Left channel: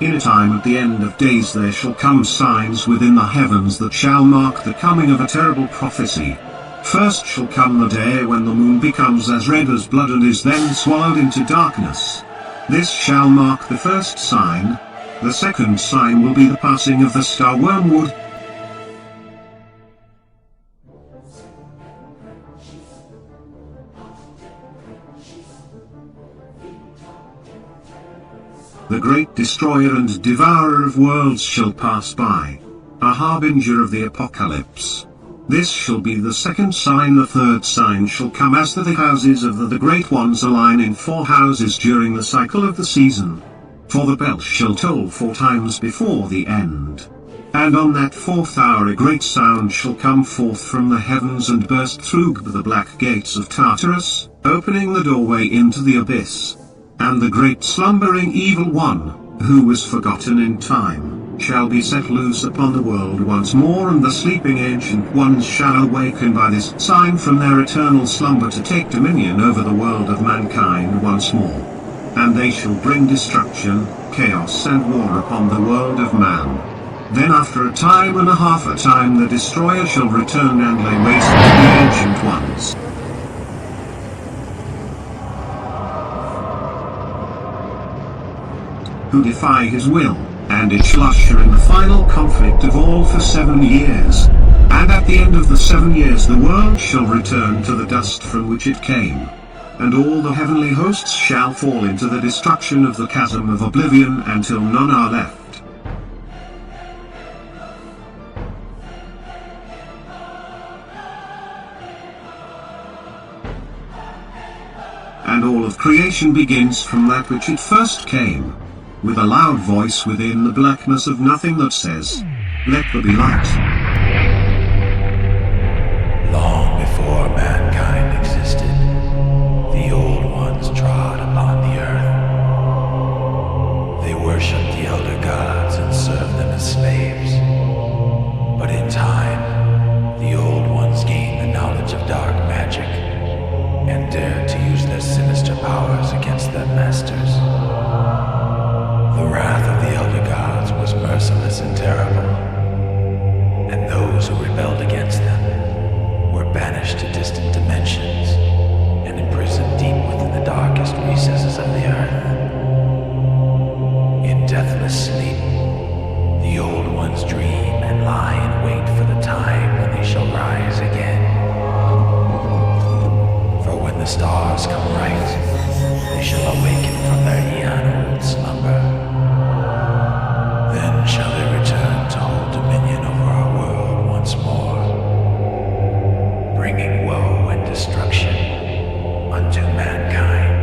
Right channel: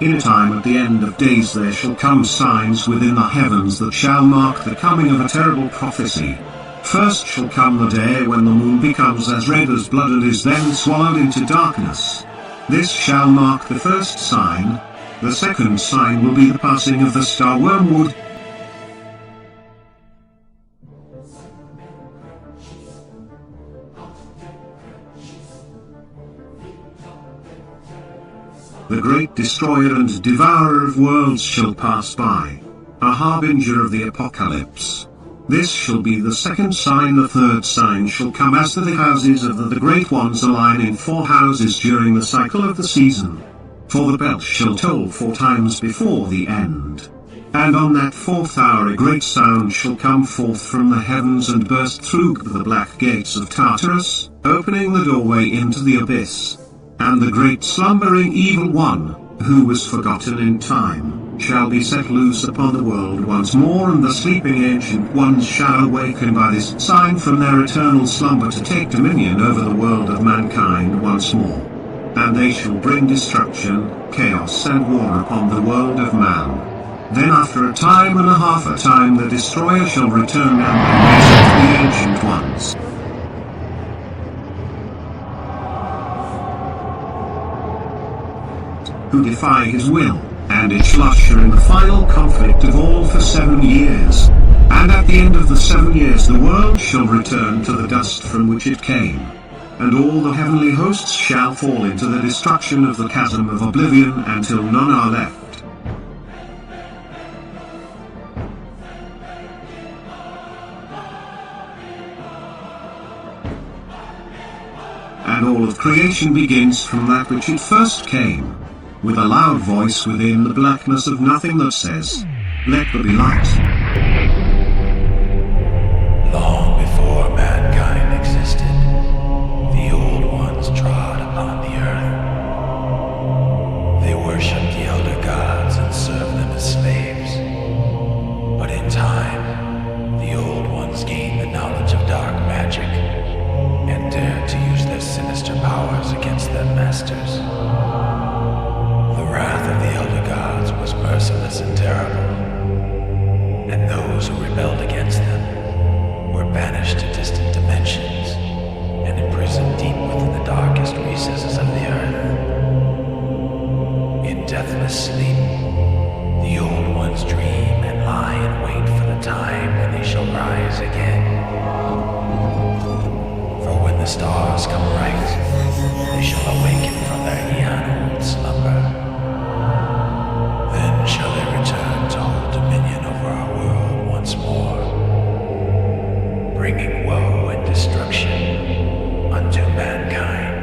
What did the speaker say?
In a time at the end of days there shall come signs within the heavens that shall mark the coming of a terrible prophecy. First shall come the day when the moon becomes as red as blood and is then swallowed into darkness. This shall mark the first sign. The second sign will be the passing of the star wormwood. The great destroyer and devourer of worlds shall pass by, a harbinger of the apocalypse. This shall be the second sign. The third sign shall come as the houses of the great ones align in 4 houses during the cycle of the season. For the bell shall toll 4 times before the end. And on that 4th hour a great sound shall come forth from the heavens and burst through the black gates of Tartarus, opening the doorway into the abyss. And the great slumbering evil one, who was forgotten in time, shall be set loose upon the world once more, and the sleeping ancient ones shall awaken by this sign from their eternal slumber to take dominion over the world of mankind once more. And they shall bring destruction, chaos and war upon the world of man. Then after a time and a half the destroyer shall return, and they raise up the ancient ones, who defy his will, and it shall usher in the final conflict of all for 7 years. And at the end of the 7 years the world shall return to the dust from which it came. And all the heavenly hosts shall fall into the destruction of the chasm of oblivion until none are left. And all of creation begins from that which it first came, with a loud voice within the blackness of nothing that says, "Let there be light." Long before mankind existed, the old ones trod upon the earth. They worshipped the elder gods and served them as slaves. But in time, the old ones gained the knowledge of dark magic and dared to use their sinister powers against their masters. The wrath of the elder gods was merciless and terrible, and those who rebelled against them were banished to distant dimensions and imprisoned deep within the darkest recesses of the earth. In deathless sleep, the old ones dream and lie in wait for the time when they shall rise again. For when the stars come right, they shall awaken from their eon-old slumber. Then shall they return to hold dominion over our world once more, bringing woe and destruction unto mankind.